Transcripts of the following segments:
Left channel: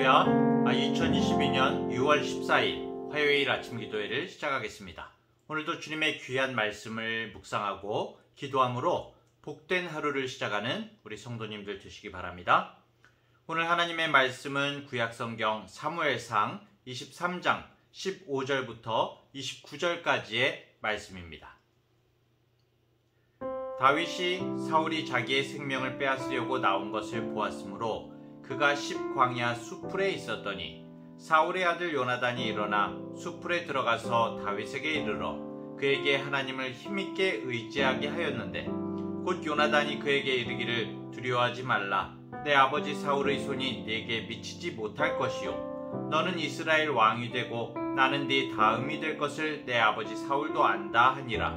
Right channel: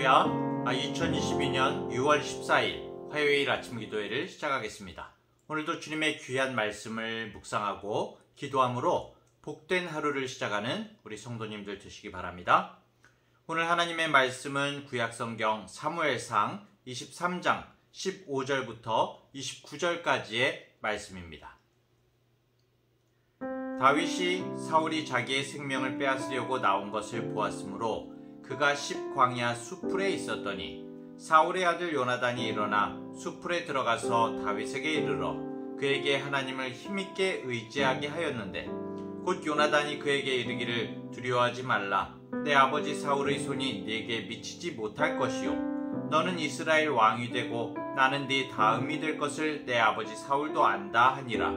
할렐루야. 2022년 6월 14일 화요일 아침 기도회를 시작하겠습니다. 오늘도 주님의 귀한 말씀을 묵상하고 기도함으로 복된 하루를 시작하는 우리 성도님들 되시기 바랍니다. 오늘 하나님의 말씀은 구약성경 사무엘상 23장 15절부터 29절까지의 말씀입니다. 다윗이 사울이 자기의 생명을 빼앗으려고 나온 것을 보았으므로 그가 십광야 수풀에 있었더니 사울의 아들 요나단이 일어나 수풀에 들어가서 다윗에게 이르러 그에게 하나님을 힘있게 의지하게 하였는데 곧 요나단이 그에게 이르기를 두려워하지 말라. 내 아버지 사울의 손이 네게 미치지 못할 것이요 너는 이스라엘 왕이 되고 나는 네 다음이 될 것을 내 아버지 사울도 안다 하니라.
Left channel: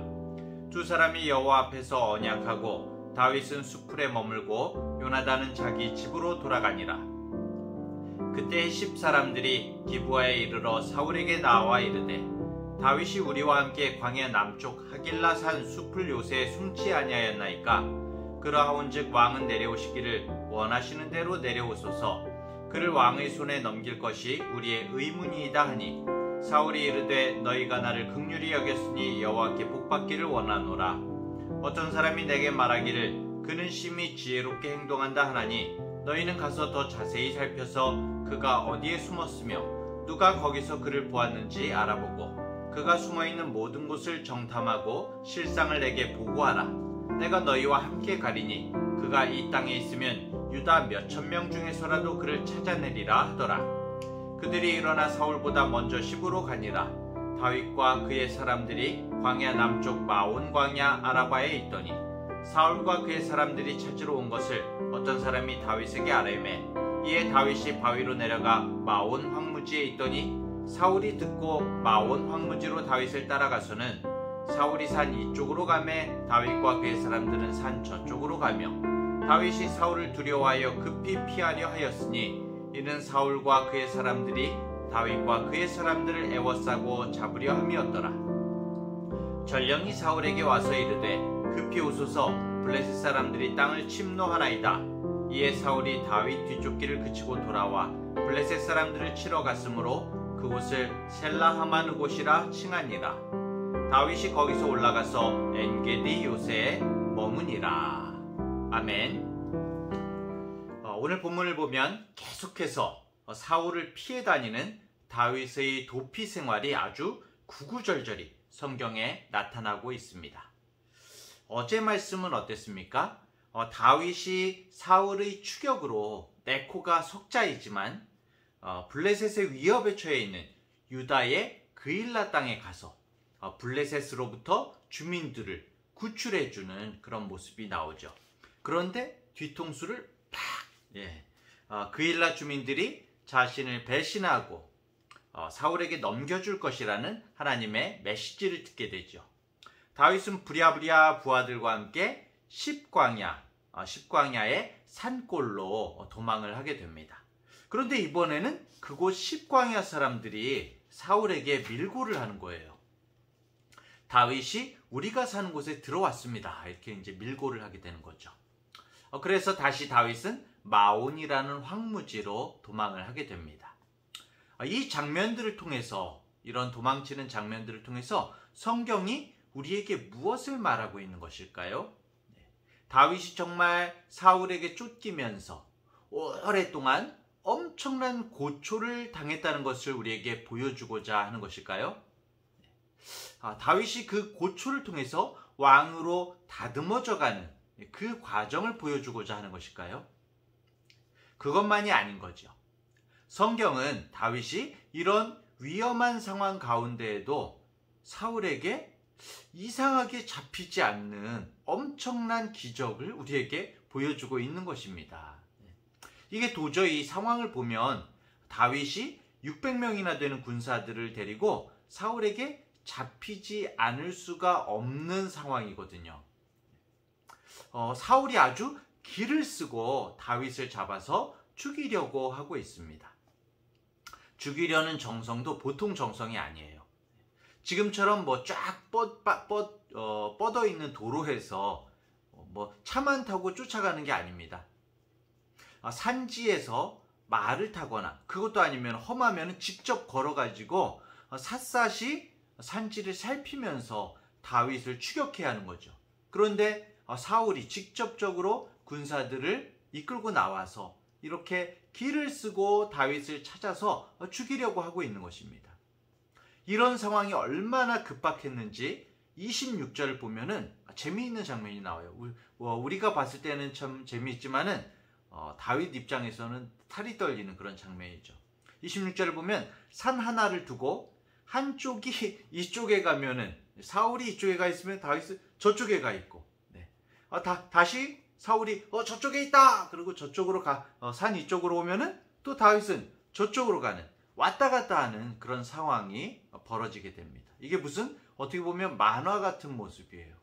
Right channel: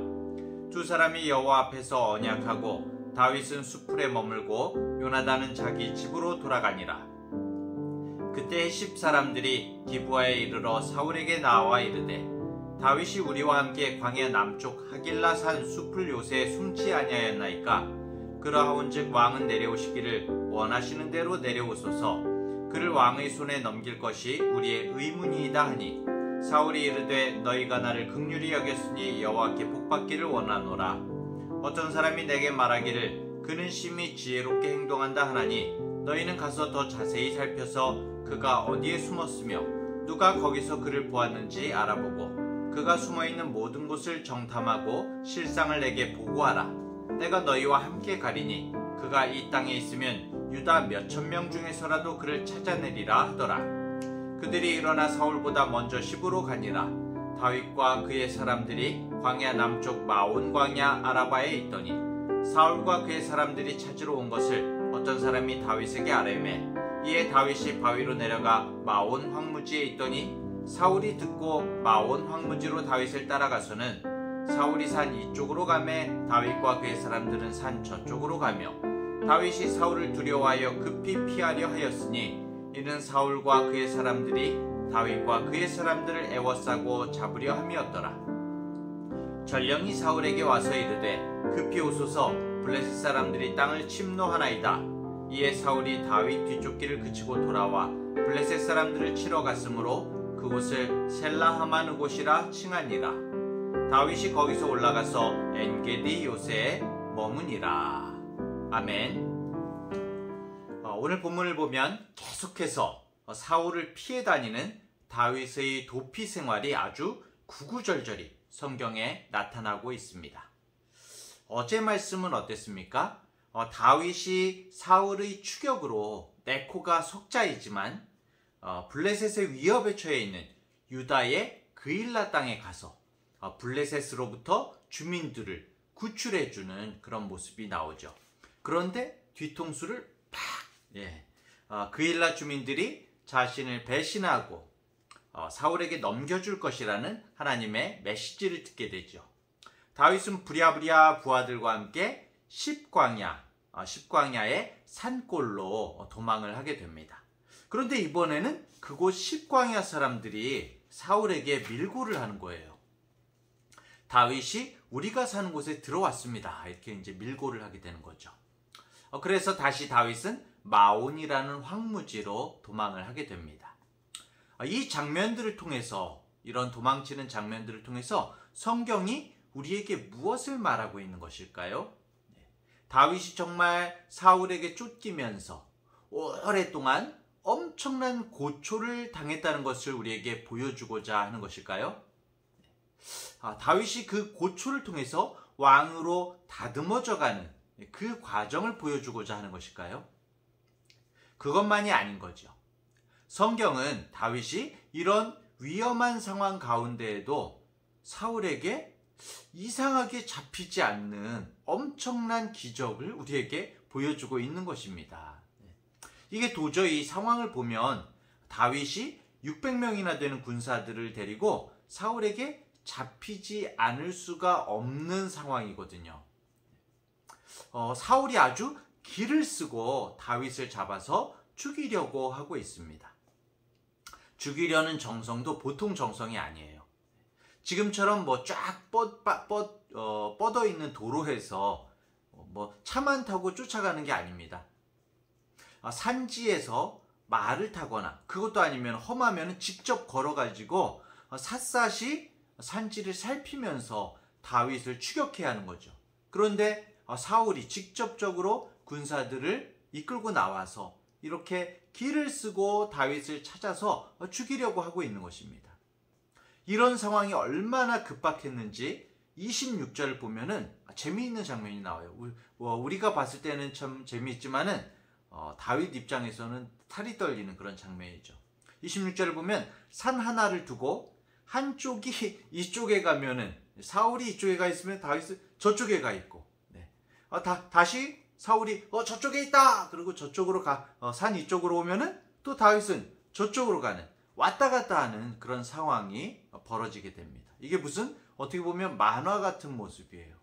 두 사람이 여호와 앞에서 언약하고 다윗은 수풀에 머물고 요나단은 자기 집으로 돌아가니라. 그때 십 사람들이 기브아에 이르러 사울에게 나와 이르되 다윗이 우리와 함께 광야 남쪽 하길라산 숲을 요새에 숨지 아니하였나이까. 그러하온즉 왕은 내려오시기를 원하시는 대로 내려오소서. 그를 왕의 손에 넘길 것이 우리의 의문이이다 하니 사울이 이르되 너희가 나를 긍휼히 여겼으니 여호와께 복받기를 원하노라. 어떤 사람이 내게 말하기를 그는 심히 지혜롭게 행동한다 하나니 너희는 가서 더 자세히 살펴서 그가 어디에 숨었으며 누가 거기서 그를 보았는지 알아보고 그가 숨어있는 모든 곳을 정탐하고 실상을 내게 보고하라. 내가 너희와 함께 가리니 그가 이 땅에 있으면 유다 몇천 명 중에서라도 그를 찾아내리라 하더라. 그들이 일어나 사울보다 먼저 시부로 가니라. 다윗과 그의 사람들이 광야 남쪽 마온 광야 아라바에 있더니 사울과 그의 사람들이 찾으러 온 것을 어떤 사람이 다윗에게 아뢰매 이에 다윗이 바위로 내려가 마온 황무지에 있더니 사울이 듣고 마온 황무지로 다윗을 따라가서는 사울이 산 이쪽으로 가매 다윗과 그의 사람들은 산 저쪽으로 가며 다윗이 사울을 두려워하여 급히 피하려 하였으니 이는 사울과 그의 사람들이 다윗과 그의 사람들을 애워싸고 잡으려 함이었더라. 전령이 사울에게 와서 이르되 급히 오소서. 블레셋 사람들이 땅을 침노하나이다. 이에 사울이 다윗 뒤쫓기를 그치고 돌아와 블레셋 사람들을 치러 갔으므로 그곳을 셀라하마느곳이라 칭하니라. 다윗이 거기서 올라가서 엔게디 요새에 머무니라. 아멘. 오늘 본문을 보면 계속해서 사울을 피해 다니는 다윗의 도피 생활이 아주 구구절절히 성경에 나타나고 있습니다. 어제 말씀은 어땠습니까? 다윗이 사울의 추격으로 네코가 속자이지만 블레셋의 위협에 처해 있는 유다의 그일라 땅에 가서 블레셋으로부터 주민들을 구출해주는 그런 모습이 나오죠. 그런데 뒤통수를 팍! 그일라 주민들이 자신을 배신하고 사울에게 넘겨줄 것이라는 하나님의 메시지를 듣게 되죠. 다윗은 부랴부랴 부하들과 함께 십광야의 산골로 도망을 하게 됩니다. 그런데 이번에는 그곳 십광야 사람들이 사울에게 밀고를 하는 거예요. 다윗이 우리가 사는 곳에 들어왔습니다. 이렇게 이제 밀고를 하게 되는 거죠. 그래서 다시 다윗은 마온이라는 황무지로 도망을 하게 됩니다. 이 장면들을 통해서, 이런 도망치는 장면들을 통해서 성경이 우리에게 무엇을 말하고 있는 것일까요? 다윗이 정말 사울에게 쫓기면서 오랫동안 엄청난 고초를 당했다는 것을 우리에게 보여주고자 하는 것일까요? 다윗이 그 고초를 통해서 왕으로 다듬어져가는 그 과정을 보여주고자 하는 것일까요? 그것만이 아닌 거죠. 성경은 다윗이 이런 위험한 상황 가운데에도 사울에게 이상하게 잡히지 않는 엄청난 기적을 우리에게 보여주고 있는 것입니다. 이게 도저히 상황을 보면 다윗이 600명이나 되는 군사들을 데리고 사울에게 잡히지 않을 수가 없는 상황이거든요. 사울이 아주 기를 쓰고 다윗을 잡아서 죽이려고 하고 있습니다. 죽이려는 정성도 보통 정성이 아니에요. 지금처럼 쫙 뻗어 있는 도로에서 차만 타고 쫓아가는 게 아닙니다. 산지에서 말을 타거나 그것도 아니면 험하면 직접 걸어가지고 샅샅이 산지를 살피면서 다윗을 추격해야 하는 거죠. 그런데 사울이 직접적으로 군사들을 이끌고 나와서 이렇게 길을 쓰고 다윗을 찾아서 죽이려고 하고 있는 것입니다. 이런 상황이 얼마나 급박했는지 26절을 보면은 재미있는 장면이 나와요. 우리가 봤을 때는 참 재미있지만은 다윗 입장에서는 탈이 떨리는 그런 장면이죠. 26절을 보면 산 하나를 두고 한쪽이 이쪽에 가면은 사울이 이쪽에 가 있으면 다윗은 저쪽에 가 있고, 네. 다시 사울이 저쪽에 있다. 그리고 저쪽으로 산 이쪽으로 오면은 또 다윗은 저쪽으로 가는 왔다 갔다 하는 그런 상황이 벌어지게 됩니다. 이게 무슨 어떻게 보면 만화 같은 모습이에요.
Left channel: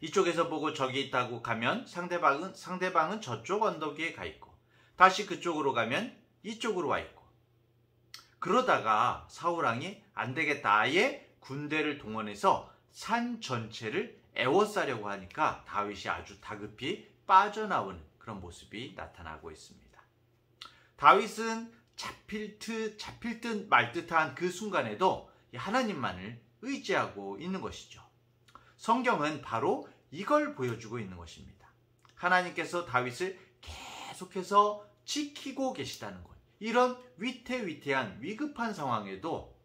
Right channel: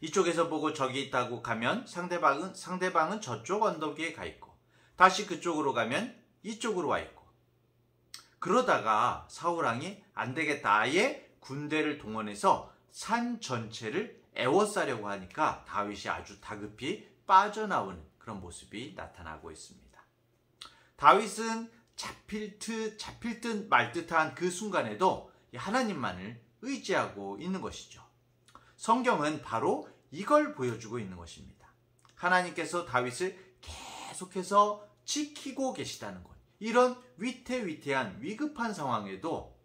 이쪽에서 보고 저기 있다고 가면 상대방은 저쪽 언덕 위에 가 있고 다시 그쪽으로 가면 이쪽으로 와 있고 그러다가 사울왕이 안 되겠다 아예 군대를 동원해서 산 전체를 에워싸려고 하니까 다윗이 아주 다급히 빠져나오는 그런 모습이 나타나고 있습니다. 다윗은 잡힐 듯 말 듯한 그 순간에도 하나님만을 의지하고 있는 것이죠. 성경은 바로 이걸 보여주고 있는 것입니다. 하나님께서 다윗을 계속해서 지키고 계시다는 것. 이런 위태위태한 위급한 상황에도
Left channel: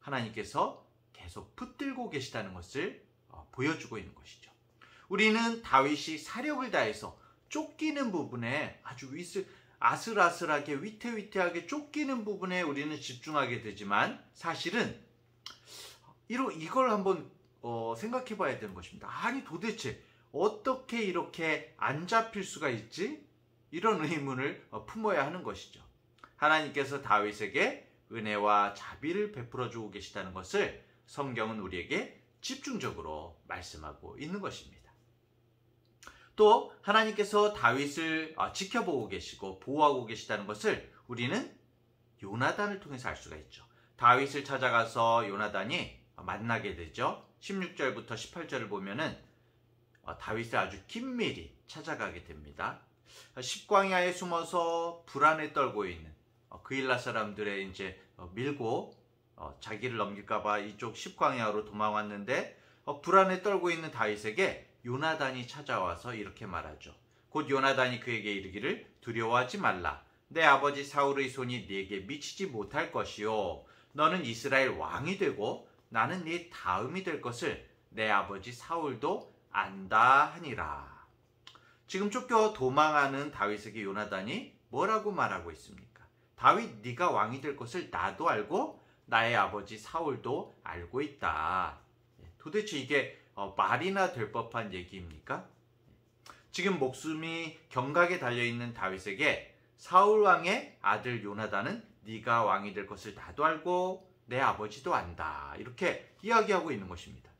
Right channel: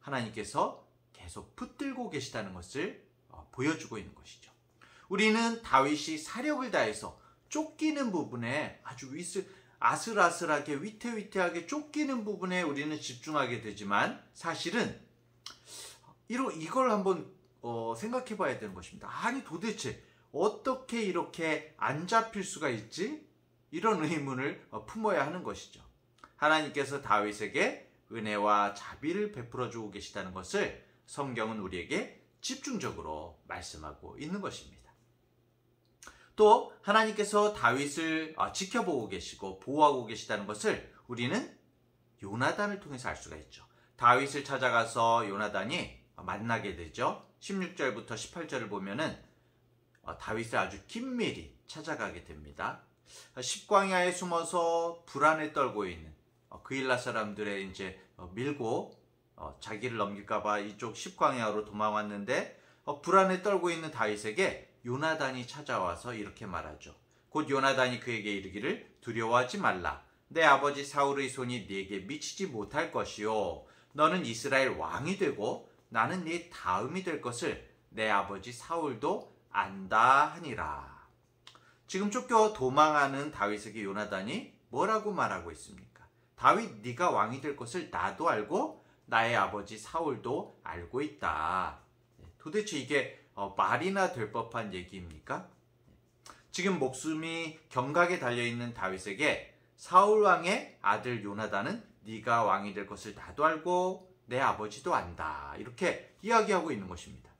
하나님께서 계속 붙들고 계시다는 것을 보여주고 있는 것이죠. 우리는 다윗이 사력을 다해서 쫓기는 부분에 아주 아슬아슬하게 위태위태하게 쫓기는 부분에 우리는 집중하게 되지만 사실은 이걸 한번 생각해 봐야 되는 것입니다. 아니 도대체 어떻게 이렇게 안 잡힐 수가 있지? 이런 의문을 품어야 하는 것이죠. 하나님께서 다윗에게 은혜와 자비를 베풀어 주고 계시다는 것을 성경은 우리에게 집중적으로 말씀하고 있는 것입니다. 또 하나님께서 다윗을 지켜보고 계시고 보호하고 계시다는 것을 우리는 요나단을 통해서 알 수가 있죠. 다윗을 찾아가서 요나단이 만나게 되죠. 16절부터 18절을 보면은 다윗을 아주 긴밀히 찾아가게 됩니다. 십광야에 숨어서 불안에 떨고 있는 그일라 사람들의 이제 밀고 자기를 넘길까봐 이쪽 십광야로 도망왔는데 불안에 떨고 있는 다윗에게 요나단이 찾아와서 이렇게 말하죠. 곧 요나단이 그에게 이르기를 두려워하지 말라. 내 아버지 사울의 손이 네게 미치지 못할 것이요. 너는 이스라엘 왕이 되고 나는 네 다음이 될 것을 내 아버지 사울도 안다 하니라. 지금 쫓겨 도망하는 다윗에게 요나단이 뭐라고 말하고 있습니까? 다윗 네가 왕이 될 것을 나도 알고 나의 아버지 사울도 알고 있다. 도대체 이게 말이나 될 법한 얘기입니까? 지금 목숨이 경각에 달려있는 다윗에게 사울왕의 아들 요나단은 네가 왕이 될 것을 나도 알고 내 아버지도 안다. 이렇게 이야기하고 있는 것입니다.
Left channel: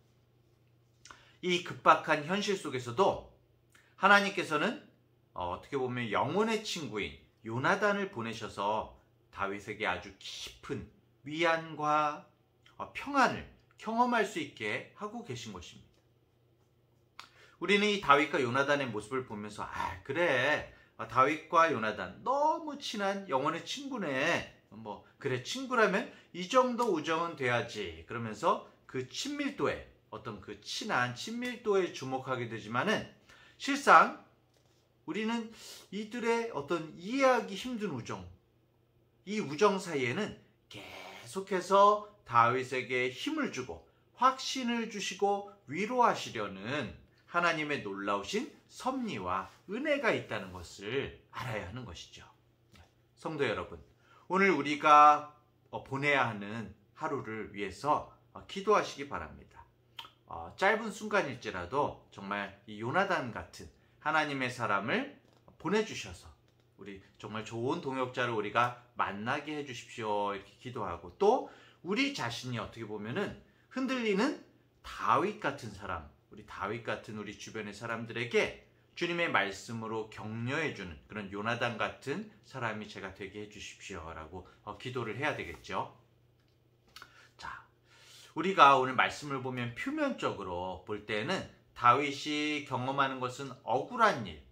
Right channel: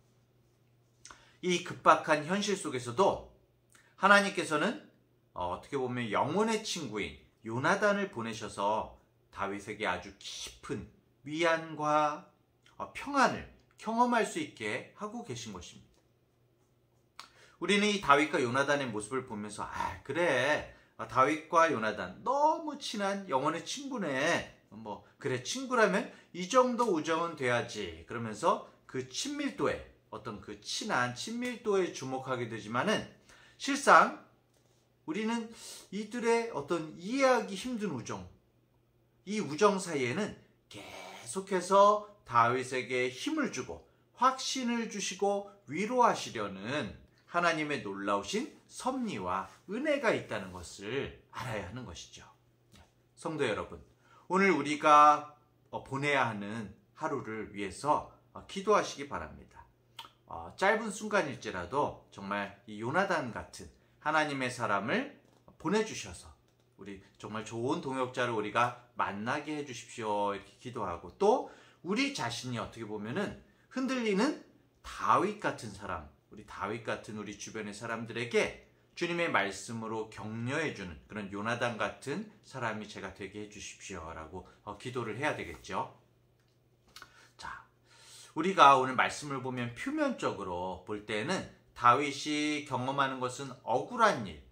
이 급박한 현실 속에서도 하나님께서는 어떻게 보면 영혼의 친구인 요나단을 보내셔서 다윗에게 아주 깊은 위안과 평안을 경험할 수 있게 하고 계신 것입니다. 우리는 이 다윗과 요나단의 모습을 보면서 그래 다윗과 요나단 너무 친한 영혼의 친구네. 그래 친구라면 이 정도 우정은 돼야지. 그러면서 그 친밀도에 어떤 그 친한 친밀도에 주목하게 되지만은 실상 우리는 이들의 어떤 이해하기 힘든 우정, 이 우정 사이에는 계속해서 다윗에게 힘을 주고 확신을 주시고 위로하시려는 하나님의 놀라우신 섭리와 은혜가 있다는 것을 알아야 하는 것이죠. 성도 여러분, 오늘 우리가 보내야 하는 하루를 위해서 기도하시기 바랍니다. 짧은 순간일지라도 정말 이 요나단 같은 하나님의 사람을 보내주셔서 우리 정말 좋은 동역자를 우리가 만나게 해주십시오. 이렇게 기도하고 또 우리 자신이 어떻게 보면은 흔들리는 다윗 같은 사람, 우리 다윗 같은 우리 주변의 사람들에게 주님의 말씀으로 격려해주는 그런 요나단 같은 사람이 제가 되게 해주십시오. 라고 기도를 해야 되겠죠. 자, 우리가 오늘 말씀을 보면 표면적으로 볼 때는 다윗이 경험하는 것은 억울한 일,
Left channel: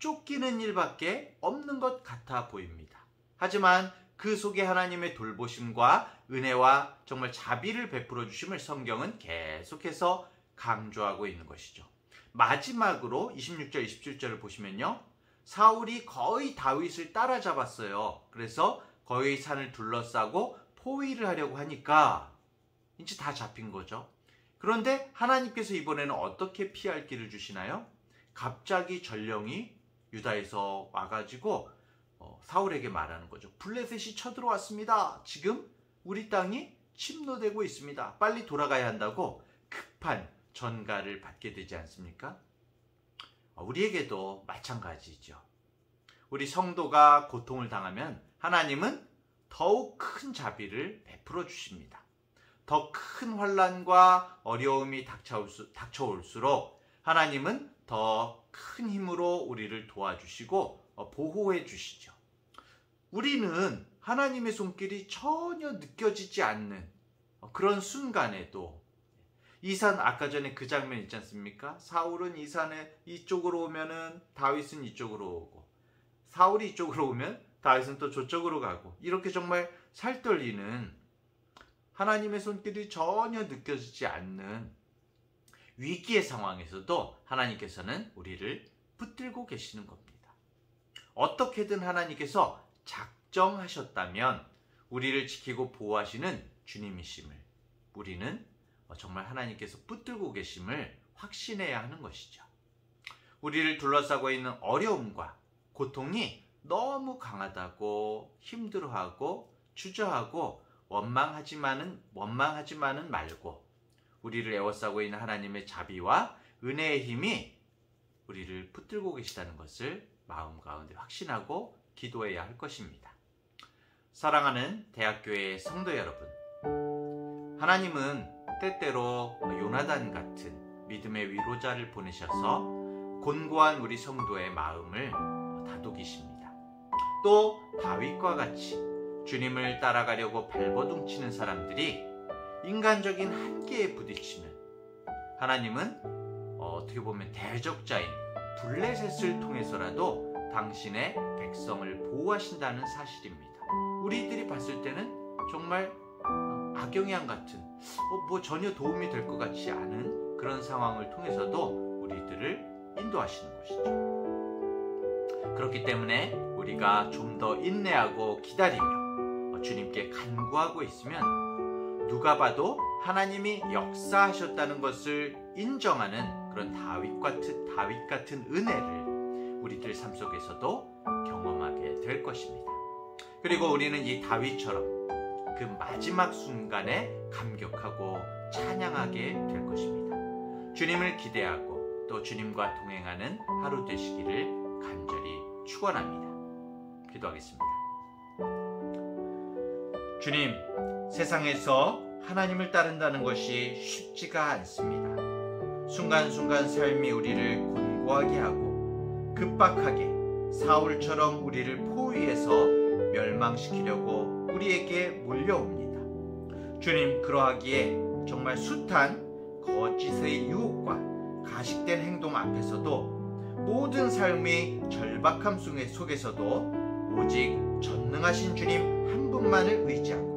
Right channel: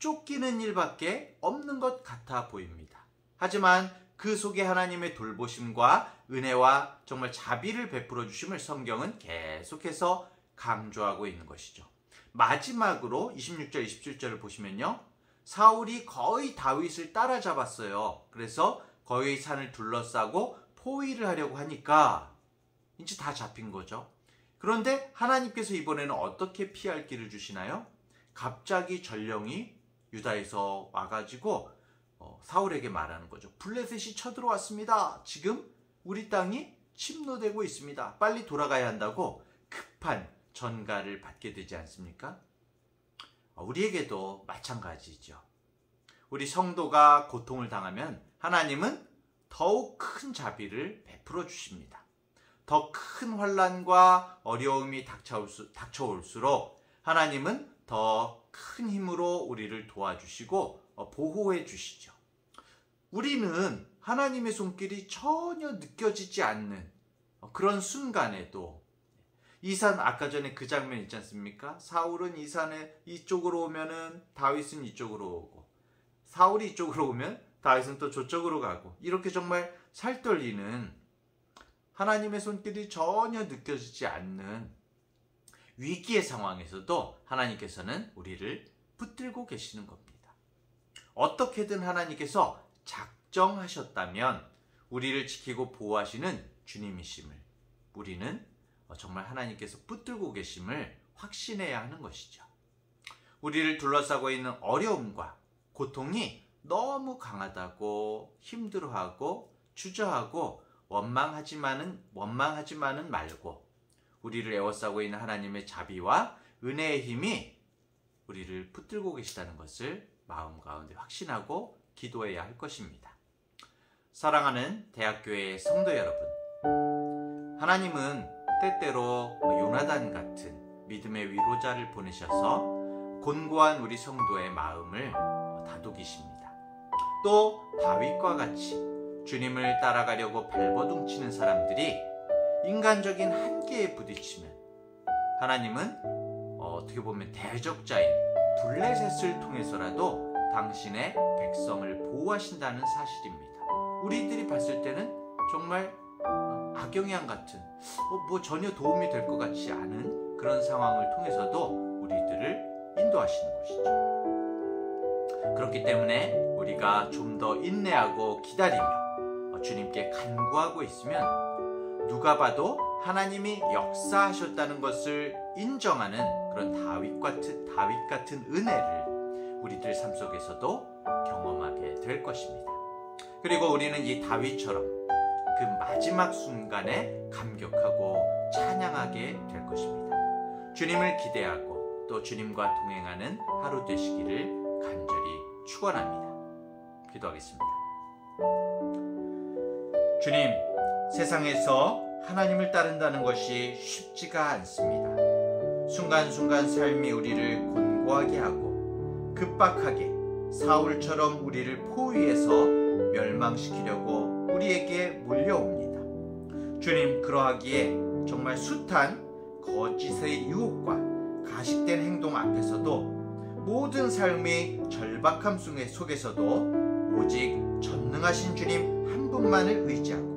쫓기는 일밖에 없는 것 같아 보입니다. 하지만 그 속에 하나님의 돌보심과 은혜와 정말 자비를 베풀어 주심을 성경은 계속해서 강조하고 있는 것이죠. 마지막으로 26절, 27절을 보시면요. 사울이 거의 다윗을 따라잡았어요. 그래서 거의 산을 둘러싸고 포위를 하려고 하니까 이제 다 잡힌 거죠. 그런데 하나님께서 이번에는 어떻게 피할 길을 주시나요? 갑자기 전령이 유다에서 와가지고 사울에게 말하는 거죠. 블레셋이 쳐들어왔습니다. 지금 우리 땅이 침노되고 있습니다. 빨리 돌아가야 한다고 급한 전가를 받게 되지 않습니까? 우리에게도 마찬가지죠. 우리 성도가 고통을 당하면 하나님은 더욱 큰 자비를 베풀어 주십니다. 더 큰 환난과 어려움이 닥쳐올수록 하나님은 더 큰 힘으로 우리를 도와주시고 보호해 주시죠. 우리는 하나님의 손길이 전혀 느껴지지 않는 그런 순간에도 이 산, 아까 전에 그 장면 있지 않습니까? 사울은 이 산에 이쪽으로 오면은 다윗은 이쪽으로 오고, 사울이 이쪽으로 오면 다윗은 또 저쪽으로 가고, 이렇게 정말 살떨리는 하나님의 손길이 전혀 느껴지지 않는 위기의 상황에서도 하나님께서는 우리를 붙들고 계시는 겁니다. 어떻게든 하나님께서 작정하셨다면 우리를 지키고 보호하시는 주님이심을 우리는 정말 하나님께서 붙들고 계심을 확신해야 하는 것이죠. 우리를 둘러싸고 있는 어려움과 고통이 너무 강하다고 힘들어하고 주저하고 원망하지만은 말고 우리를 에워싸고 있는 하나님의 자비와 은혜의 힘이 우리를 붙들고 계시다는 것을 마음 가운데 확신하고 기도해야 할 것입니다. 사랑하는 대학교의 성도 여러분, 하나님은 때때로 요나단 같은 믿음의 위로자를 보내셔서 곤고한 우리 성도의 마음을 다독이십니다. 또 다윗과 같이 주님을 따라가려고 발버둥치는 사람들이 인간적인 한계에 부딪히면 하나님은 어떻게 보면 대적자인 블레셋을 통해서라도 당신의 백성을 보호하신다는 사실입니다. 우리들이 봤을 때는 정말 악영향 같은 전혀 도움이 될 것 같지 않은 그런 상황을 통해서도 우리들을 인도하시는 것이죠. 그렇기 때문에 우리가 좀 더 인내하고 기다리며 주님께 간구하고 있으면 누가 봐도 하나님이 역사하셨다는 것을 인정하는 그런 다윗 같은 은혜를 우리들 삶 속에서도 경험하게 될 것입니다. 그리고 우리는 이 다윗처럼 그 마지막 순간에 감격하고 찬양하게 될 것입니다. 주님을 기대하고 또 주님과 동행하는 하루 되시기를 간절히 축원합니다. 기도하겠습니다. 주님, 세상에서 하나님을 따른다는 것이 쉽지가 않습니다. 순간순간 삶이 우리를 곤고하게 하고 급박하게 사울처럼 우리를 포위해서 멸망시키려고 우리에게 몰려옵니다. 주님, 그러하기에 정말 숱한 거짓의 유혹과 가식된 행동 앞에서도 모든 삶의 절박함 속에서도 오직 전능하신 주님 한 분만을 의지하고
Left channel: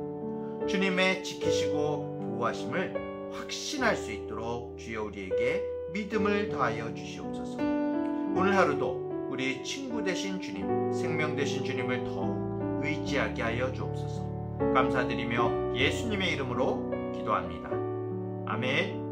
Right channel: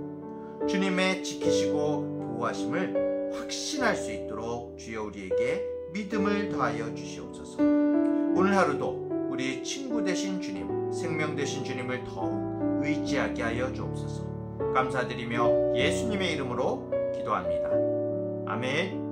주님의 지키시고 보호하심을 확신할 수 있도록 주여 우리에게 믿음을 더하여 주시옵소서. 오늘 하루도 우리 친구 되신 주님, 생명 되신 주님을 더욱 의지하게 하여 주옵소서. 감사드리며 예수님의 이름으로 기도합니다. 아멘.